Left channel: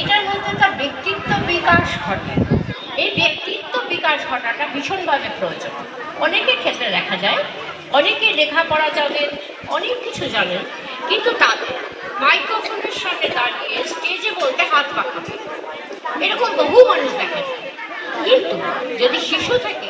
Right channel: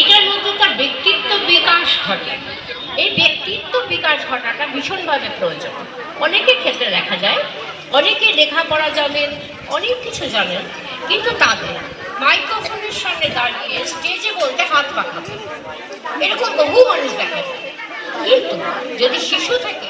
এটার মধ্যে তার ব্যক্তিত্ব বিকাশ ঘটে। এই ব্যক্তিত্ব বিকাশ ঘটাটা ভীষণভাবে প্রয়োজন। অনেকের ক্ষেত্রে দেখা যায়, অনেকে লেখাপড়া জানেন, অনেক কিছু জানেন, কিন্তু তাদের মাইক্রোফোনের সামনে দাঁড়িয়ে স্টেজে বলতে হাত পাকা এরকম বহু মানুষ দেখা যায়। কিন্তু যদি শিশু থাকে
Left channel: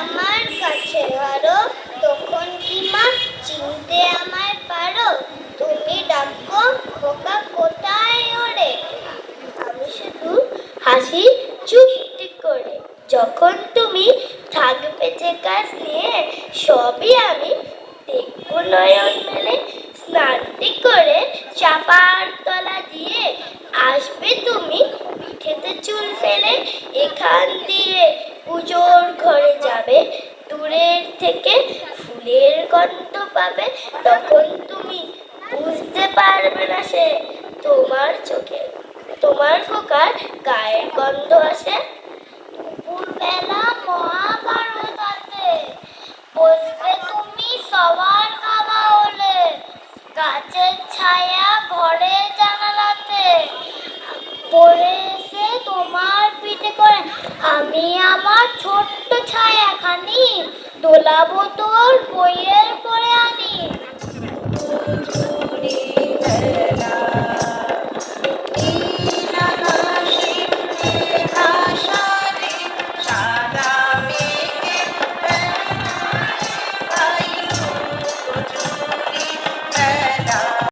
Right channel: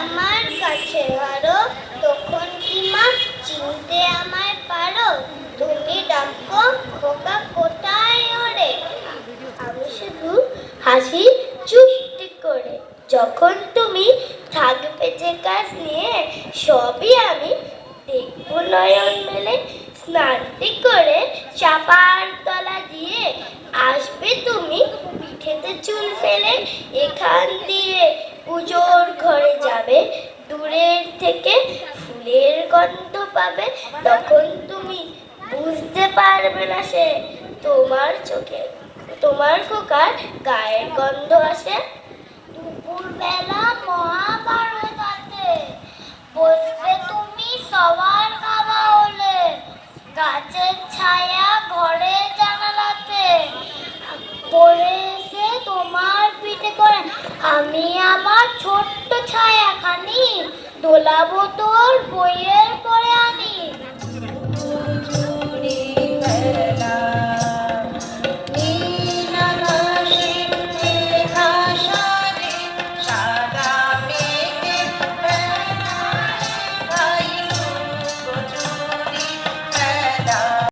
আমার কাছে ধরো তখন কি মা? চিনতে আমায় পারো? তুমি ডাকো, খোকা কোথায় ওরে? আমি শুধু হাসি চুপটি করে, যখন তুমি থাকবে যে কাজ নিয়ে, সবই আমি দেখব নয়ন মেলে। স্নানটি করে চাপার তলা দিয়ে আসবে তুমি চুল ফেলে এখান দিয়ে পুজোর ঘরে যাবে। দূরের থেকে ফুলের গন্ধ পাবে। তখন তুমি বুঝতে পারবে না সে। তোমার চোখে, তোমার ফোকার গায়ের গন্ধ আসে। তোলা বোতল বইয়ের পরে আনি